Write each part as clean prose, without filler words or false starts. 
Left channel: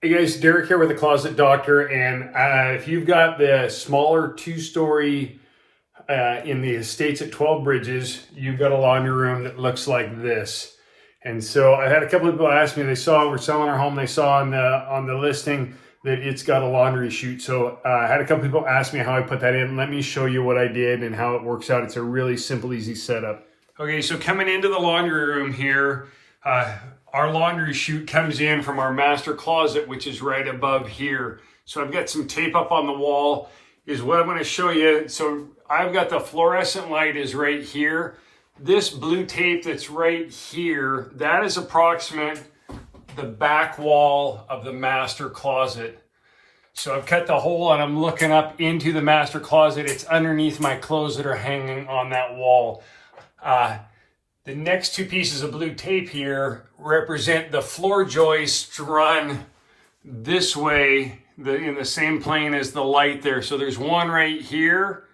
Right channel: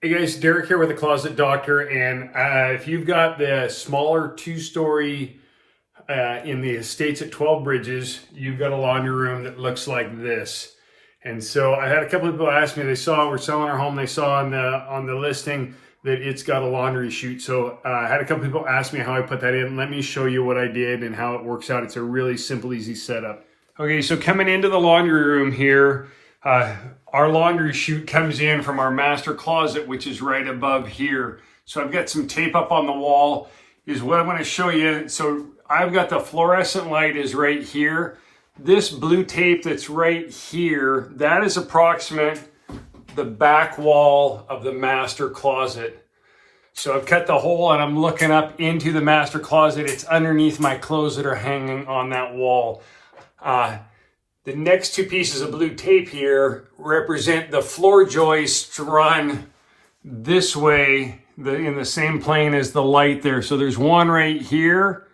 Hey guys, Derek here with the Closet Doctor, and if you've got the smaller two-story in the estates at 12 Bridges, you've got a laundry room that looks like this. And so I had a couple of people ask me, we're selling our home, they saw on the listing that it's got a laundry chute. So I had a couple of people ask me how I put that in. Let me show you what I did and how it works out. It's a really simple, easy setup. Okay, so coming into the laundry room here, our laundry chute comes in from our master closet, which is right above here. So I've got some tape up on the wall is what I'm going to show you. So I've got the fluorescent light is right here. This blue tape that's right here, that is approximate the back wall of the master closet. So I've cut the hole and I'm looking up into the master closet. It's underneath my clothes that are hanging on that wall. The next two pieces of blue tape here represent the floor joists run this way in the same plane as the light there. So there's one right here,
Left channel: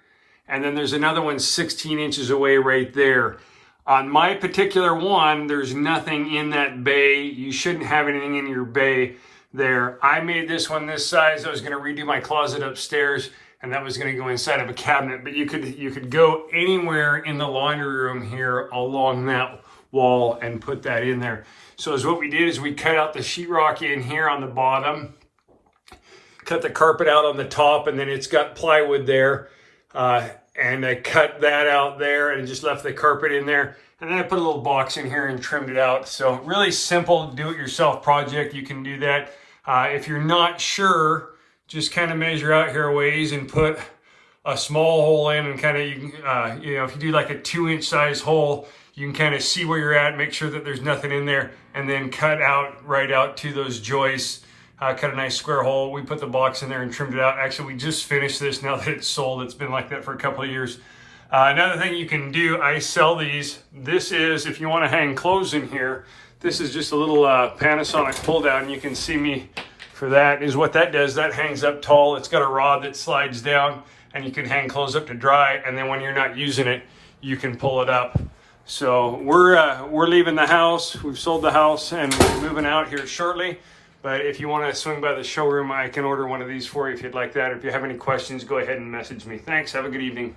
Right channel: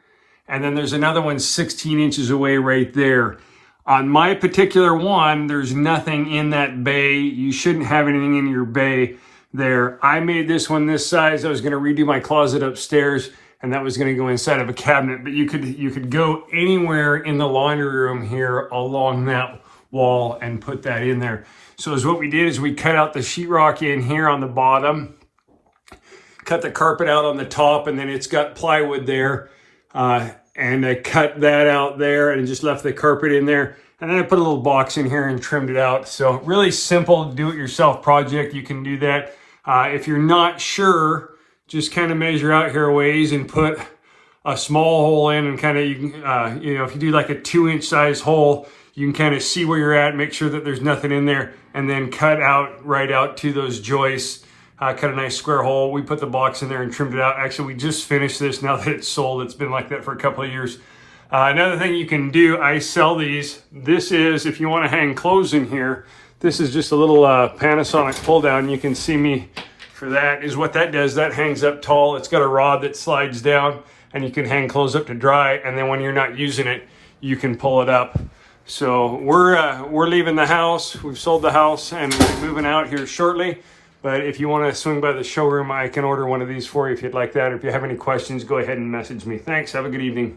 and then there's another one 16 inches away right there. On my particular one, there's nothing in that bay. You shouldn't have anything in your bay there. I made this one this size. I was going to redo my closet upstairs, and that was going to go inside of a cabinet, but you could go anywhere in the laundry room here along that wall and put that in there. So what we did is we cut out the sheetrock in here on the bottom, cut the carpet out on the top, and then it's got plywood there, and I cut that out there and just left the carpet in there. And then I put a little box in here and trimmed it out. So really simple do-it-yourself project. You can do that. If you're not sure, just kind of measure out here a ways and put a small hole in, and kind of, if you do like a 2-inch size hole, you can kind of see where you're at, make sure that there's nothing in there, and then cut out right out to those joists. Cut a nice square hole. We put the box in there and trimmed it out. Actually, we just finished this now that it's sold. It's been like that for a couple of years. Another thing you can do, I sell these. This is, if you want to hang clothes in here, this is just a little Panasonic pull down. You can see me for that. Is what that does. That hangs up tall. It's got a rod that slides down, and you can hang clothes up to dry. And then when you're not using it, you can pull it up. So we're leaving the house. We've sold the house and we're moving out here shortly. But if you want to swing by the showroom, I can order one of these for you if you'd like that. Or if you have any questions, go ahead and message me. Thanks. Have a good evening.